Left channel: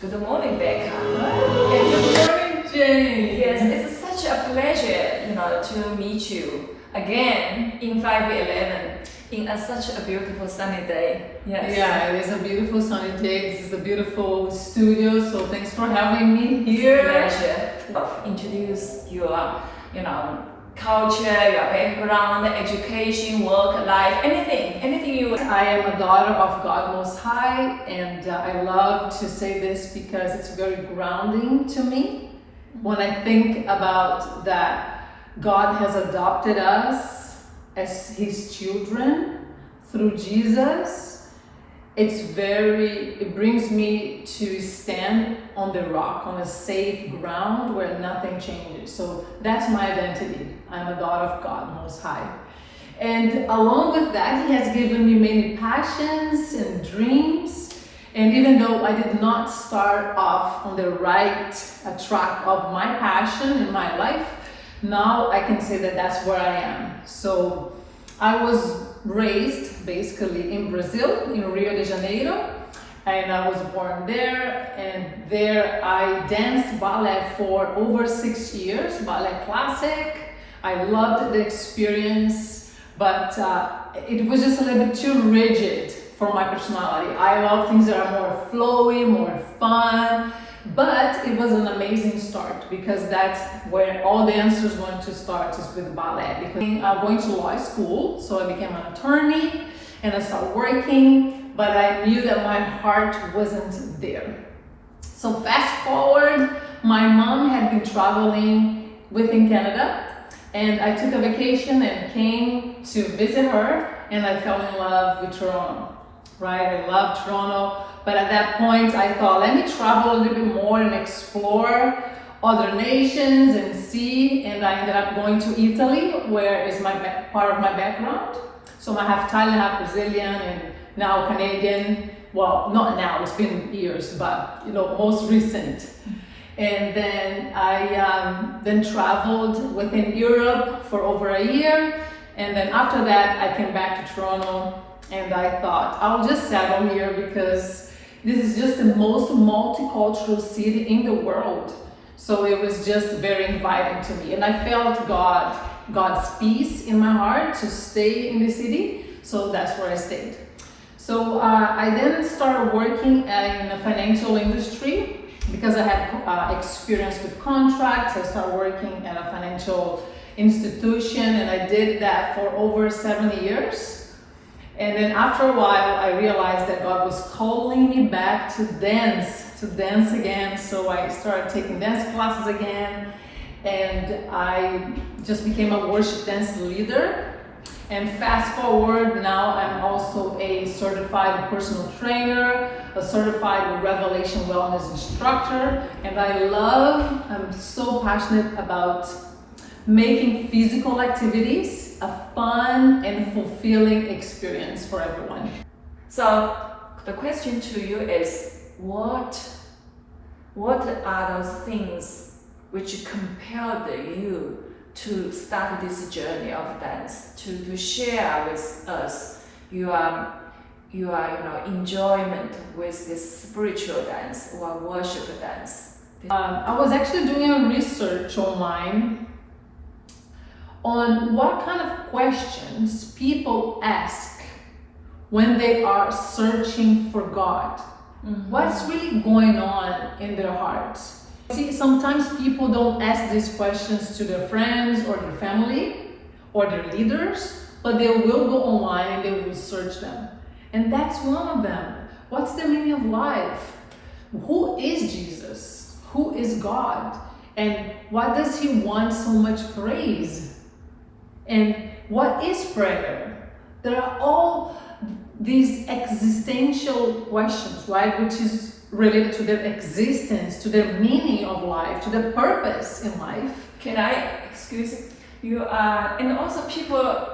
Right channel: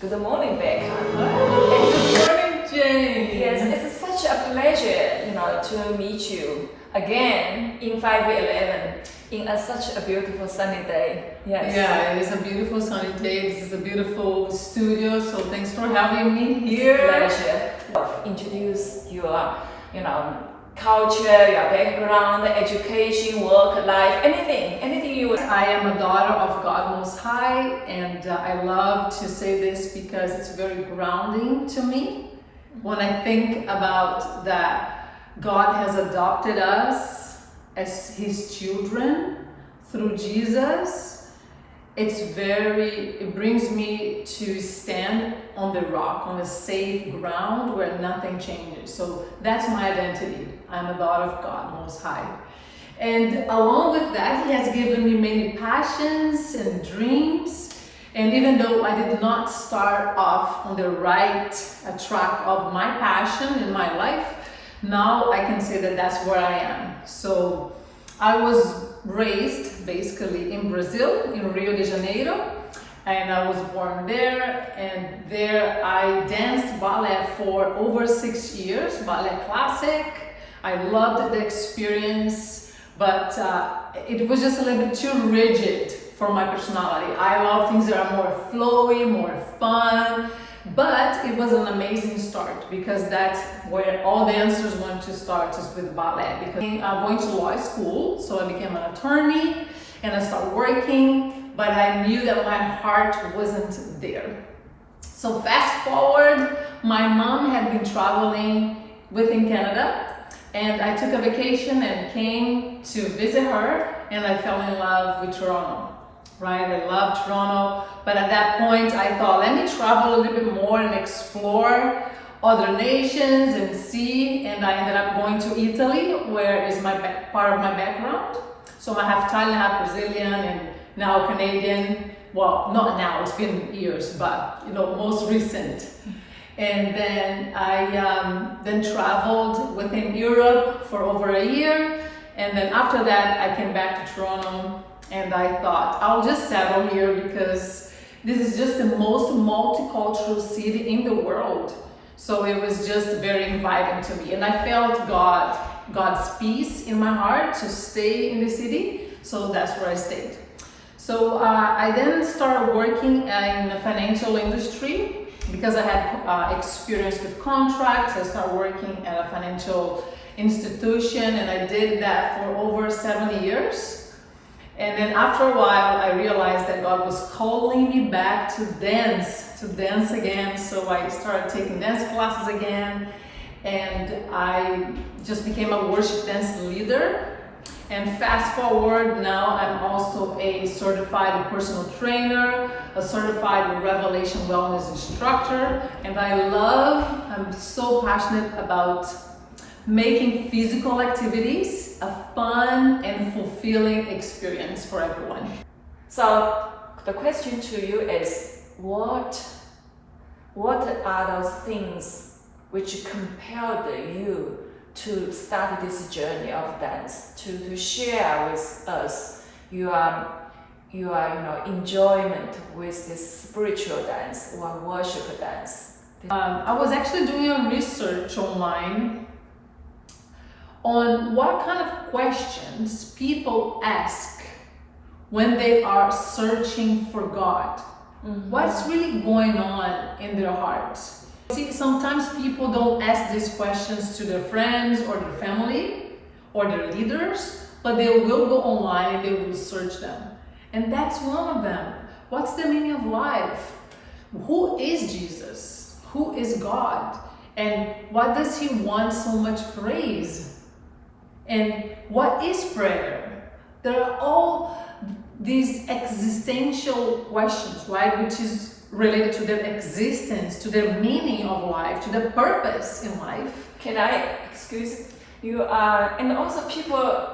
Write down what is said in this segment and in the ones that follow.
Good morning, Becca. Good morning, Jane. Yes, it's such a pleasure, to meet you again in 511 in such a beautiful sunny day. Yes. Yeah, it is a beautiful sunny day. This is a beautiful studio, so thanks for having me here. It's a pleasure. Introduce your, culture, your background, education, work, life, anything you. I am a daughter of God Most High, and I love to say this because it's very grounding to me. When I think about that God has adopted us as His children through Jesus, it brings me to stand on the rock, on a safe ground where nothing changes. So that's my identity. I'm a daughter of God Most High. And along with that, He has given me many passions and dreams. And even though I did not start off on the right track of my passion in my life, now I can say that that's where I am. So I was raised basically in Brazil, in Rio de Janeiro, and I was born there, and there I danced ballet for over 6 years, ballet classic. I loved the experience, but it was just a little bit too rigid for my personality. I love things that are more flowy, more fun, but it was an amazing start because that's where all dancers want to start, is with ballet. Because I'm going to law school, so I became an attorney and I started working, but I knew that my heart wasn't there. So fast forward, my mom had been traveling within Canada, and I took a vacation and came to visit her, and I fell in love with Toronto. Right, I love Toronto, but at that point I thought, let me travel a little bit more and explore other nations and see, and I ended up going to Italy, where is part of my background. So I have Italian, half Brazilian, and now Canadian. Well, not now, it's been years, but most recent. And then I then traveled within Europe for over a year, and then after that I came back to Toronto. And I thought, I'll just settle here because this is just the most multicultural city in the world. So it was just very inviting to me. And I felt God's peace in my heart to stay in the city. So that's where I stayed. So I then started working in the financial industry because I had experience with contracts. I started working at a financial institution, and I did that for over 7 years. And then after a while, I realized that God was calling me back to dance again. So I started taking dance classes again, and I just became a worship dance leader. And fast forward, now I'm also a certified personal trainer, a certified Revelation Wellness instructor, and I'm so passionate about making physical activities a fun and fulfilling experience for everyone. So the question to you is, what are those things which compelled you to start this journey of dance, to share with us your enjoyment with this spiritual dance or worship dance? I was actually doing a research online on what kind of questions people ask when they are searching for God. Mm-hmm. What's really going on in their hearts? See, sometimes people don't ask these questions to their friends or their family or their leaders, but they will go online and they will search them. And that's one of them. What's the meaning of life? Who is Jesus? Who is God? And why does He want so much praise? And what is prayer? There are all these existential questions, right? Which is related to their existence, to their meaning of life, to their purpose in life. Can I excuse you? And also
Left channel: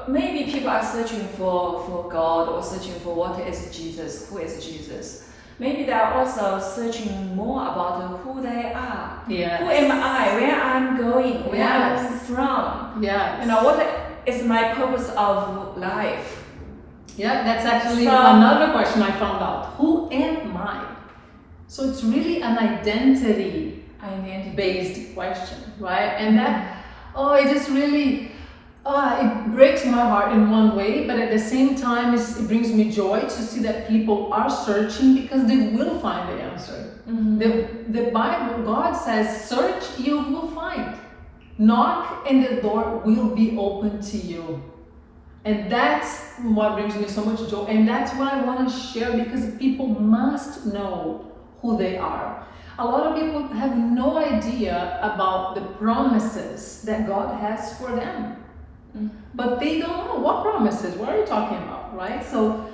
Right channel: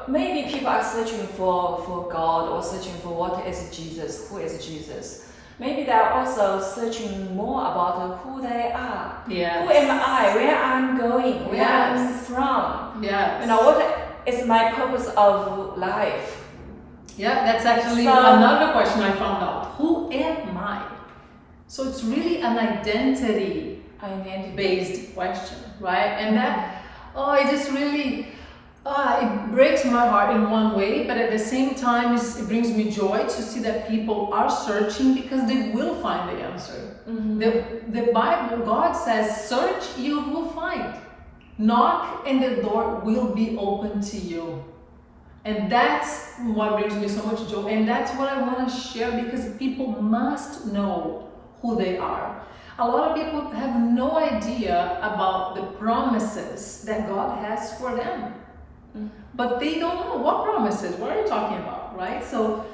maybe people are searching for God or searching for what is Jesus, who is Jesus. Maybe they are also searching more about who they are. Yes. Who am I? Where I'm going? Where I'm from? Yes. What is my purpose of life? Yeah, that's actually another question I found out. Who am I? So it's really an identity Identity. based question, right? And that, it just really, it breaks my heart in one way, but at the same time, it brings me joy to see that people are searching because they will find the answer. The Bible, God says, search, you will find. Knock, and the door will be open to you. And that's what brings me so much joy. And that's what I want to share, because people must know who they are. A lot of people have no idea about the promises that God has for them. But they don't know what promises. What are you talking about, right? So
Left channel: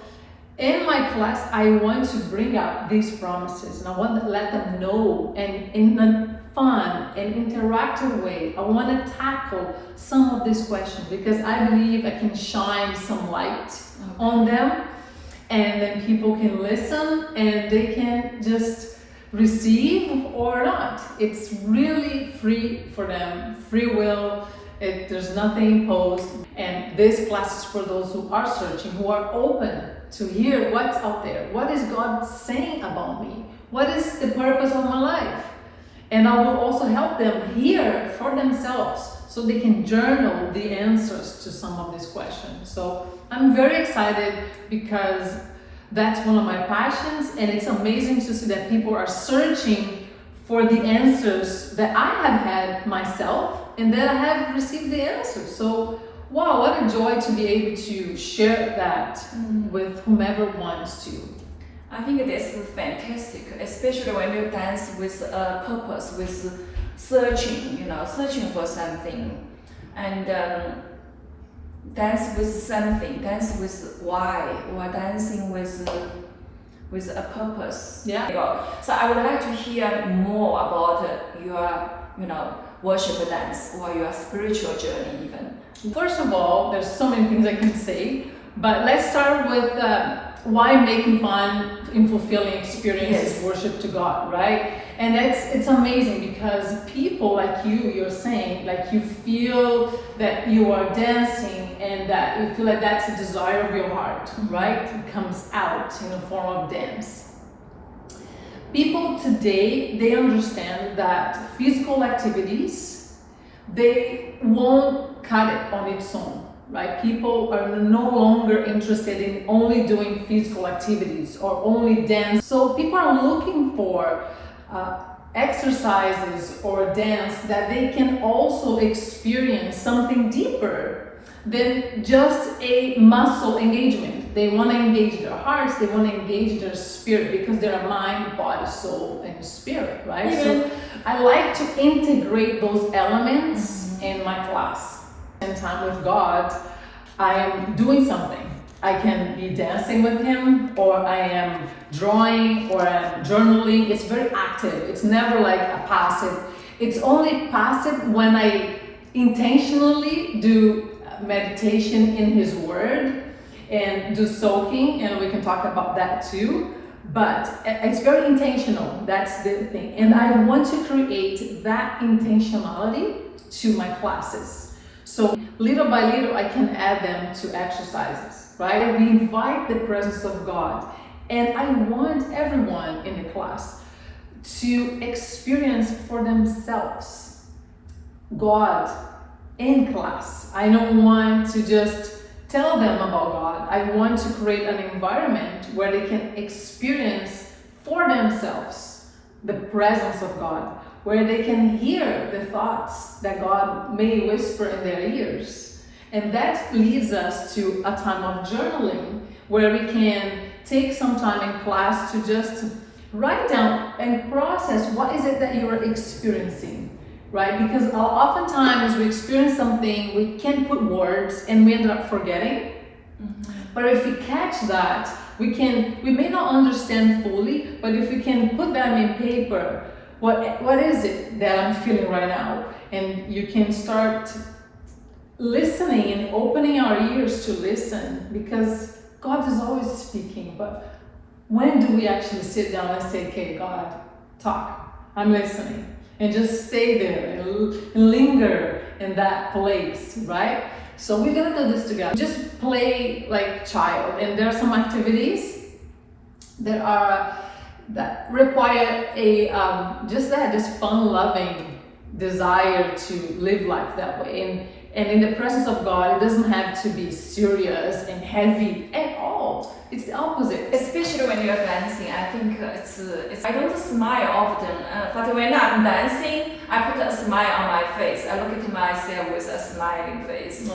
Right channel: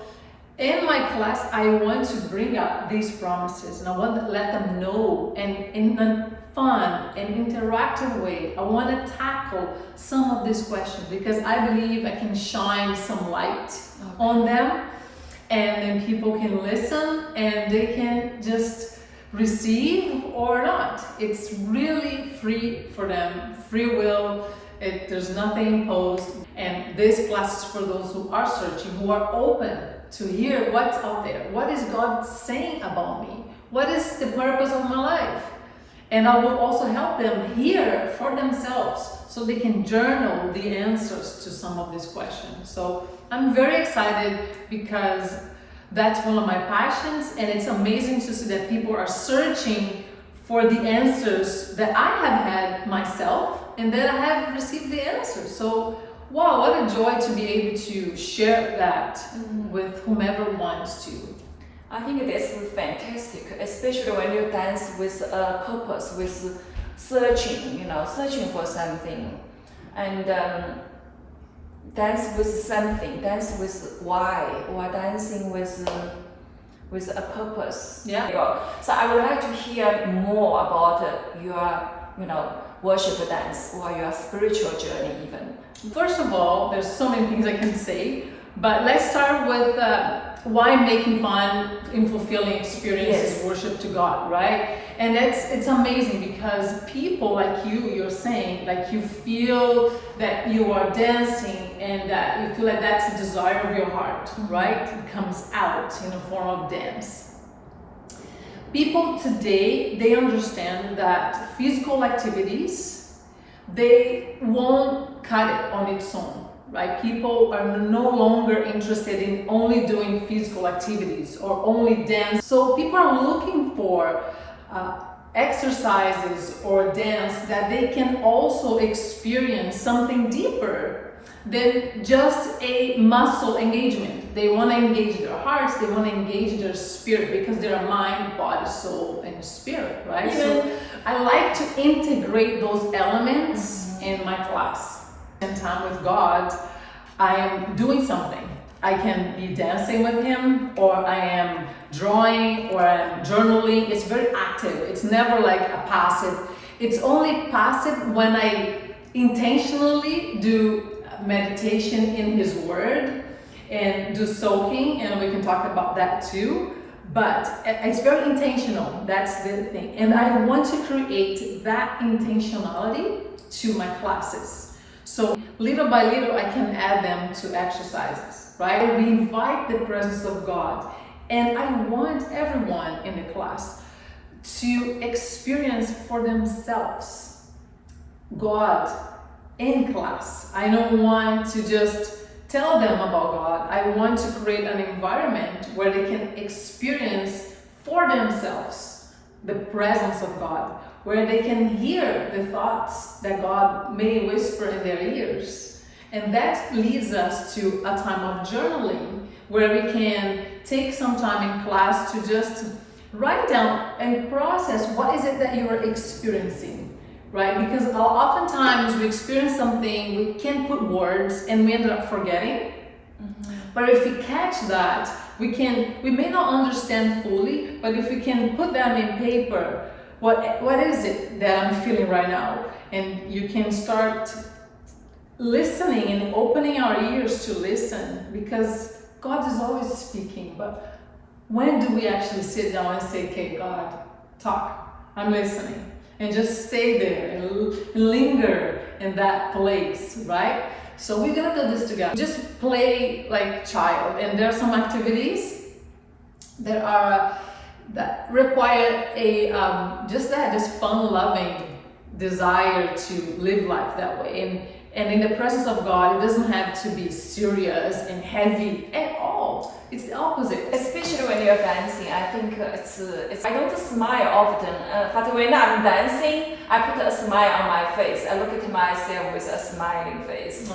in my class, I want to bring up these promises, and I want to let them know, and in a fun and interactive way, I want to tackle some of these questions, because I believe I can shine some light on them, and then people can listen and they can just receive or not. It's really free for them, free will. There's nothing imposed. And this class is for those who are searching, who are open to hear what's out there. What is God saying about me? What is the purpose of my life? And I will also help them hear for themselves, so they can journal the answers to some of these questions. So I'm very excited, because that's one of my passions, and it's amazing to see that people are searching for the answers that I have had myself, and that I have received the answers. So wow, what a joy to be able to share that with whomever wants to. I think that's fantastic, especially when you dance with a purpose, with searching, searching for something, and dance with something, dance with why, or dancing with a purpose. Yeah. So I would like to hear more about your, worship dance, or your spiritual journey even. First of all, there's so many things I can say, but let's start with why making fun and fulfilling experiences worship to God, right? And it's amazing, because people like you're saying, like you feel that you are dancing, and that you feel like that's a desire of your heart, right? It comes out in the form of dance. People today, they understand that physical activities, they won't cut it on its own, right? People are no longer interested in only doing physical activities or only dance. So people are looking for exercises or dance that they can also experience something deeper than just a muscle engagement. They want to engage their hearts, they want to engage their spirit, because they're mind, body, soul, and spirit, right? So I like to integrate those elements in my class. And time with God, I am doing something. I can be dancing with Him, or I am drawing, or I'm journaling. It's very active. It's never like a passive. It's only passive when I intentionally do meditation in His Word and do soaking, and we can talk about that too. But it's very intentional. That's the thing. And I want to create that intentionality to my classes. So little by little, I can add them to exercises, right? We invite the presence of God. And I want everyone in the class to experience for themselves God in class. I don't want to just tell them about God. I want to create an environment where they can experience for themselves the presence of God, where they can hear the thoughts that God may whisper in their ears. And that leads us to a time of journaling, where we can take some time in class to just write down and process what is it that you are experiencing, right? Because oftentimes we experience something, we can't put words, and we end up forgetting. But if we catch that, we may not understand fully, but if we can put them in paper, what is it that I'm feeling right now? And you can start listening and opening our ears to listen, because God is always speaking. But when do we actually sit down and say, okay, God, talk, I'm listening, and just stay there and linger in that place, right? So we're gonna do this together. Just play like child, and there are some activities that are that require a this fun-loving desire to live life that way. And in the presence of God, it doesn't have to be serious and heavy at all. It's the opposite. Especially when you're dancing, I think it's I don't smile often, but when I'm dancing, I put a smile on my face. I look at myself with a smiling face.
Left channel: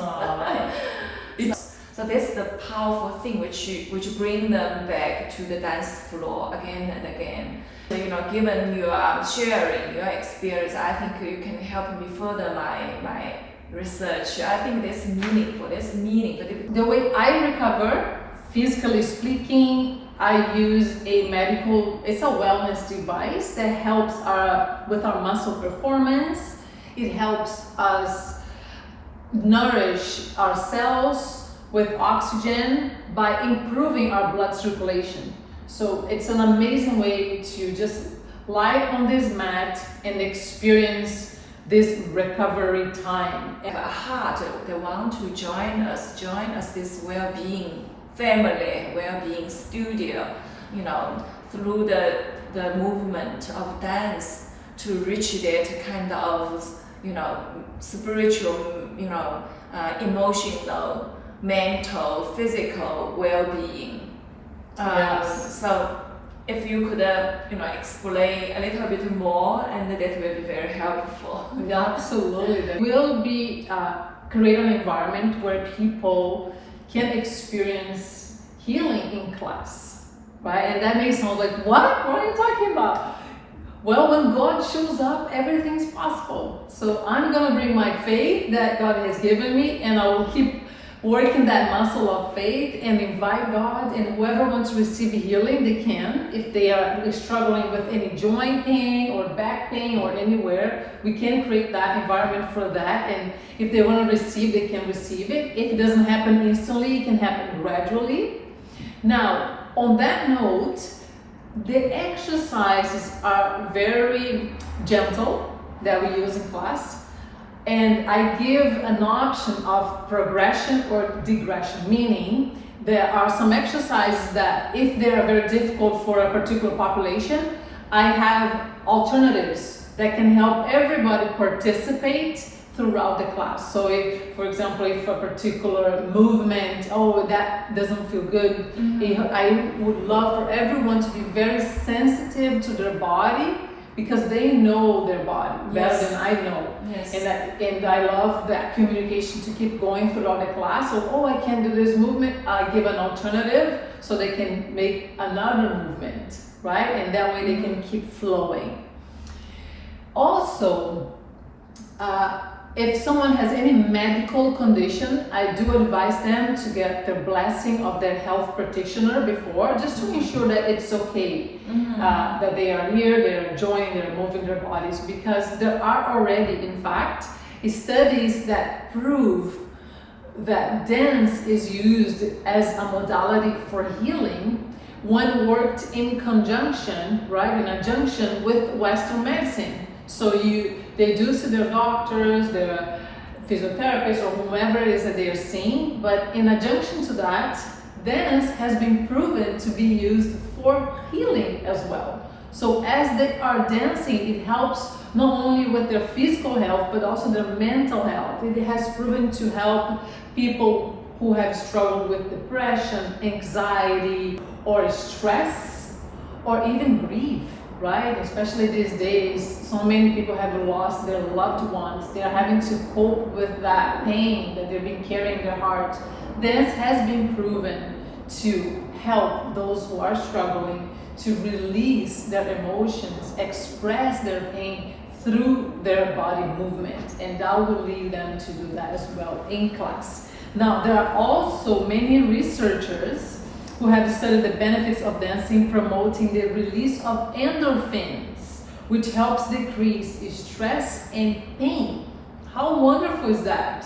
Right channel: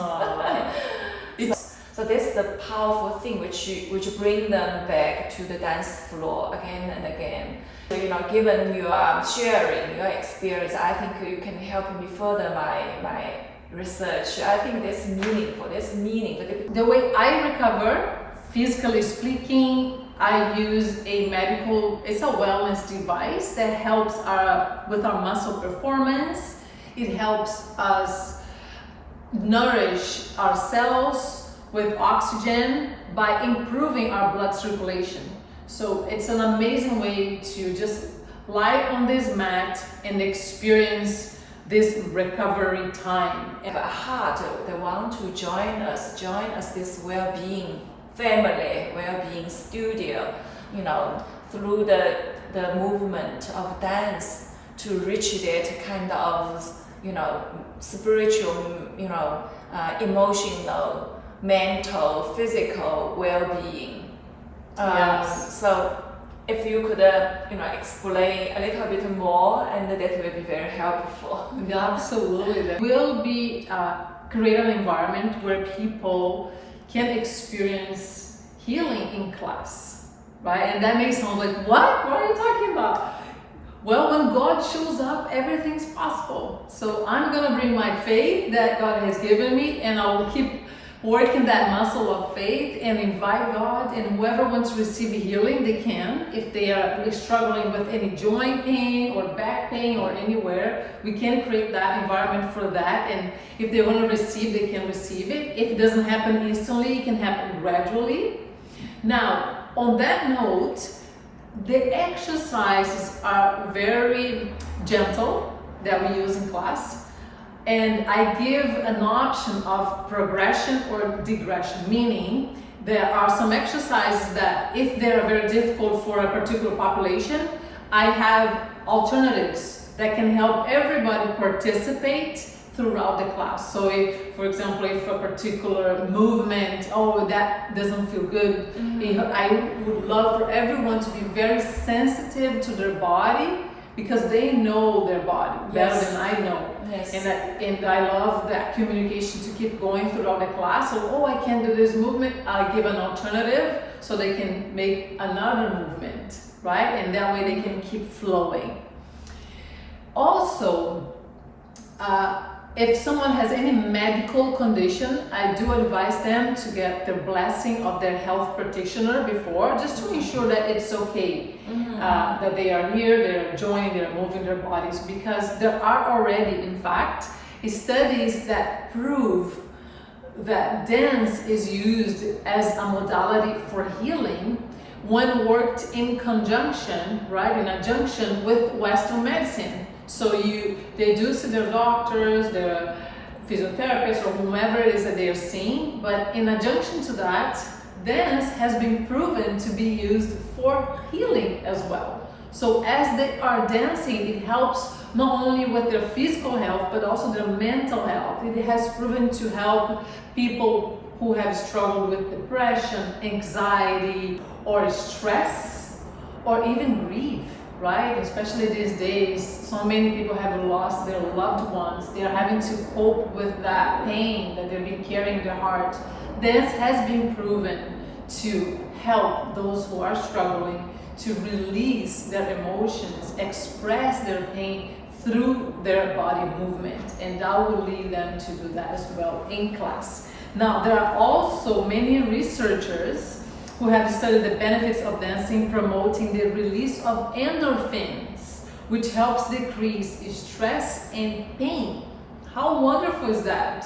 So that's the powerful thing which bring them back to the dance floor again and again. So, given you are sharing your experience, I think you can help me further my research. I think that's meaningful. The way I recover, physically speaking, I use it's a wellness device that helps with our muscle performance. It helps us nourish our cells with oxygen by improving our blood circulation. So it's an amazing way to just lie on this mat and experience this recovery time. If a heart, they want to join us this well-being family, well-being studio, through the movement of dance to reach that kind of, spiritual, emotional, mental, physical well-being. Yes. So if you could, explain a little bit more, and that will be very helpful. Absolutely. We'll be create an environment where people can experience healing in class, right? And that may sound like, what? What are you talking about? Well, when God shows up, everything's possible. So I'm gonna bring my faith that God has given me, and I will keep working that muscle of faith and invite God, and whoever wants to receive healing, they can. If they are struggling with any joint pain or back pain or anywhere, we can create that environment for that. And if they want to receive, they can receive it. If it doesn't happen instantly, it can happen gradually. Now, on that note, the exercises are very gentle that we use in class. And I give an option of progression or digression, meaning there are some exercises that if they are very difficult for a particular population, I have alternatives that can help everybody participate throughout the class. So if, for example, if a particular movement, that doesn't feel good, I would love for everyone to be very sensitive to their body, because they know their body better than I know. Yes. And I love that communication to keep going throughout the class. So, I can't do this movement, I give an alternative so they can make another movement, right? And that way they can keep flowing. Also, if someone has any medical condition, I do advise them to get the blessing of their health practitioner before, just to ensure that it's okay, that they are here, they're enjoying, they're moving their bodies, because there are already, in fact, studies that prove that dance is used as a modality for healing when worked in conjunction, right, in conjunction with Western medicine. So they do see their doctors, their physiotherapists, or whomever it is that they are seeing, but in adjunction to that, dance has been proven to be used for healing as well. So as they are dancing, it helps not only with their physical health, but also their mental health. It has proven to help people who have struggled with depression, anxiety, or stress, or even grief. Right? Especially these days, so many people have lost their loved ones. They are having to cope with that pain that they've been carrying in their heart. Dance has been proven to help those who are struggling to release their emotions, express their pain through their body movement, and that will lead them to do that as well in class. Now, there are also many researchers who have studied the benefits of dancing, promoting the release of endorphins, which helps decrease stress and pain. How wonderful is that?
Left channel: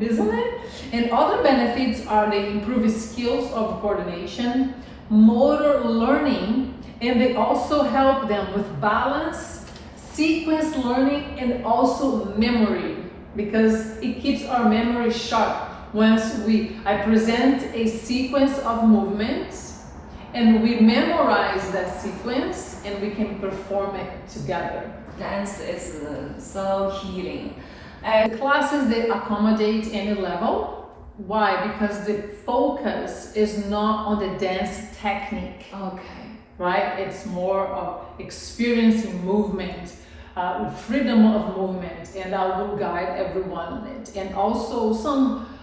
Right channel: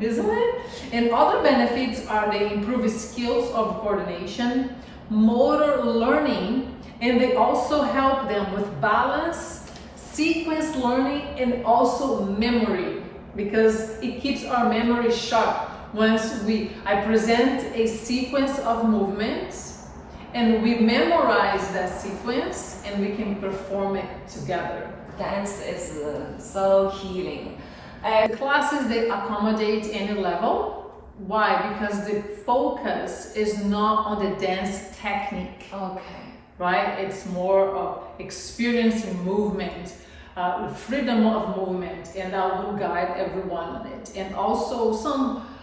Isn't it? And other benefits are they improve skills of coordination, motor learning, and they also help them with balance, sequence learning, and also memory, because it keeps our memory sharp. Once I present a sequence of movements, and we memorize that sequence and we can perform it together. Dance is so healing. The classes, they accommodate any level. Why? Because the focus is not on the dance technique. Okay. Right? It's more of experiencing movement, freedom of movement, and I will guide everyone on it. And also some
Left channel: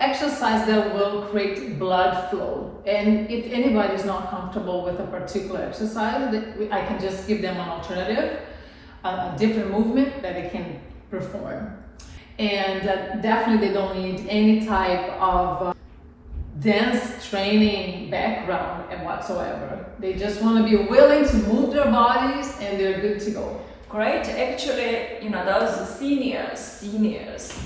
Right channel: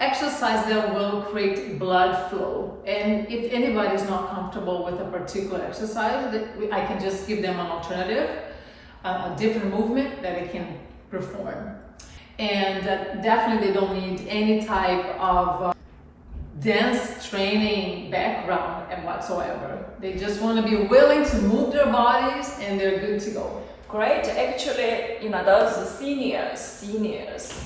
exercise that will create blood flow. And if anybody is not comfortable with a particular exercise, I can just give them an alternative, a different movement that they can perform. And definitely they don't need any type of dance training background and whatsoever. They just want to be willing to move their bodies and they're good to go. Great. Actually, those seniors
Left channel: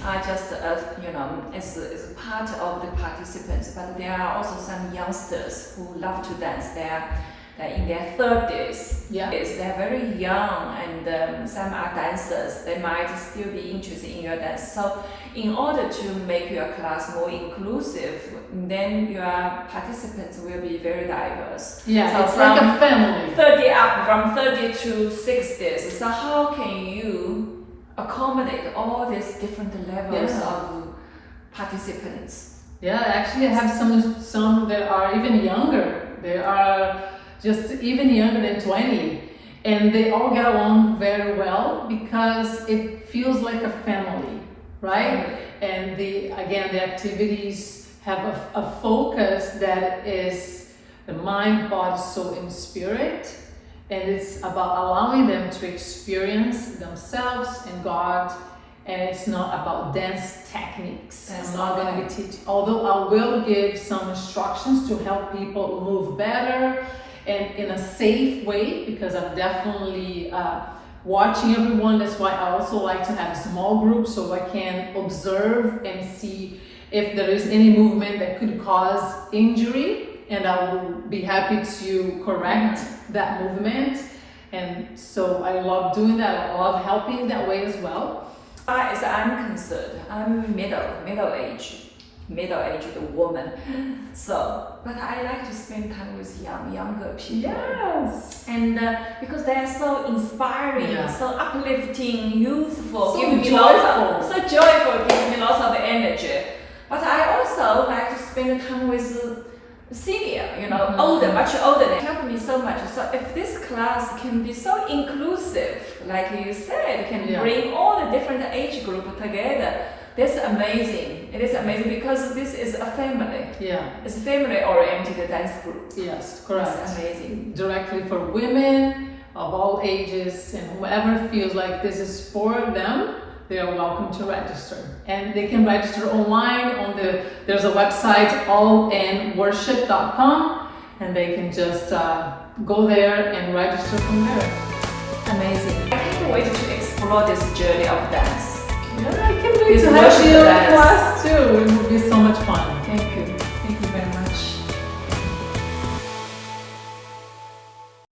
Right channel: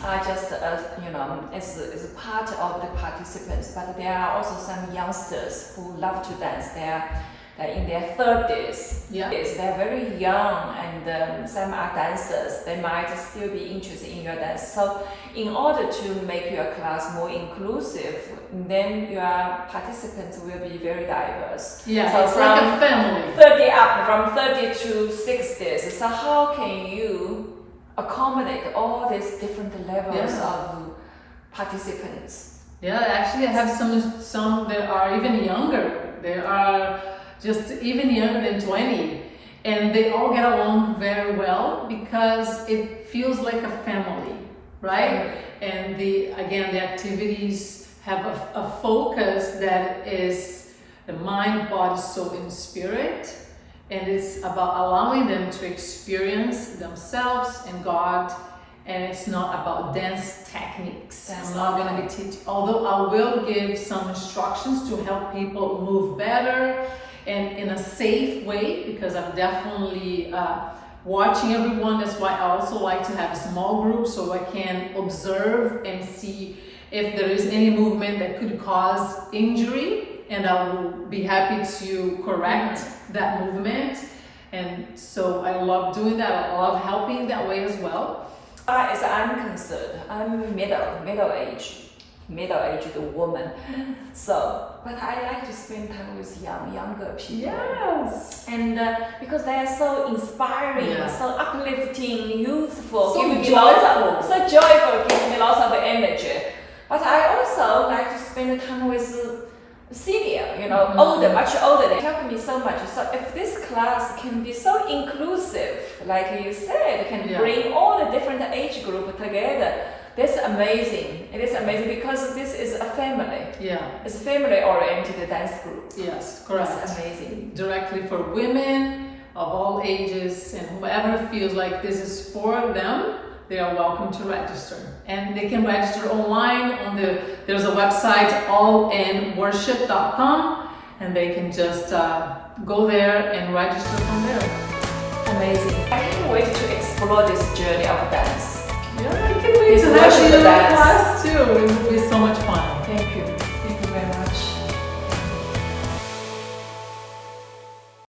are just as part of the participants, but there are also some youngsters who love to dance. They're in their 30s. Yeah. They're very young, and some are dancers. They might still be interested in your dance. So, in order to make your class more inclusive, then your participants will be very diverse. Yeah, so it's like a family. 30 up, from 30 to 60s. So how can you accommodate all these different levels of participants? Yeah, actually I have some that are even younger. They are just even younger than 20, and they all get along very well because it feels like a family, right? And the activities have a focus that is the mind, body, soul, and spirit, and it's about allowing them to experience themselves and God. And it's not about dance techniques. I'm not going to be teaching, although I will give some instructions to help people move better and in a safe way, because I'm definitely watching everyone. That's why I also like to have small groups so I can observe and see if there is any movement that could cause injury, and I will be happy to correct that movement. And so I love doing that. I love helping that way as well. As I'm concerned, I'm middle-aged woman. So, but I like to spend time with younger people. Yes. And because they are so inspiring, so uplifting, youthful, so giving me lots of energy. But I also like to spend time with senior, older, much older. They help me so much. So if this class can be so inclusive, like you said, can bring all the different age group together, that's amazing. It is amazing because this is a family. Yeah. It's a family-oriented dance group. Yes, correct. It's amazing. Directly for women of all ages, and whoever feels like this is for them, they are welcome to register. And they can register online there's a website, allinworship.com, and they can just go there and register from there. Amazing. I can't wait to explore this journey of dance. Yeah, I can't wait to have you in class too. It would be so much fun.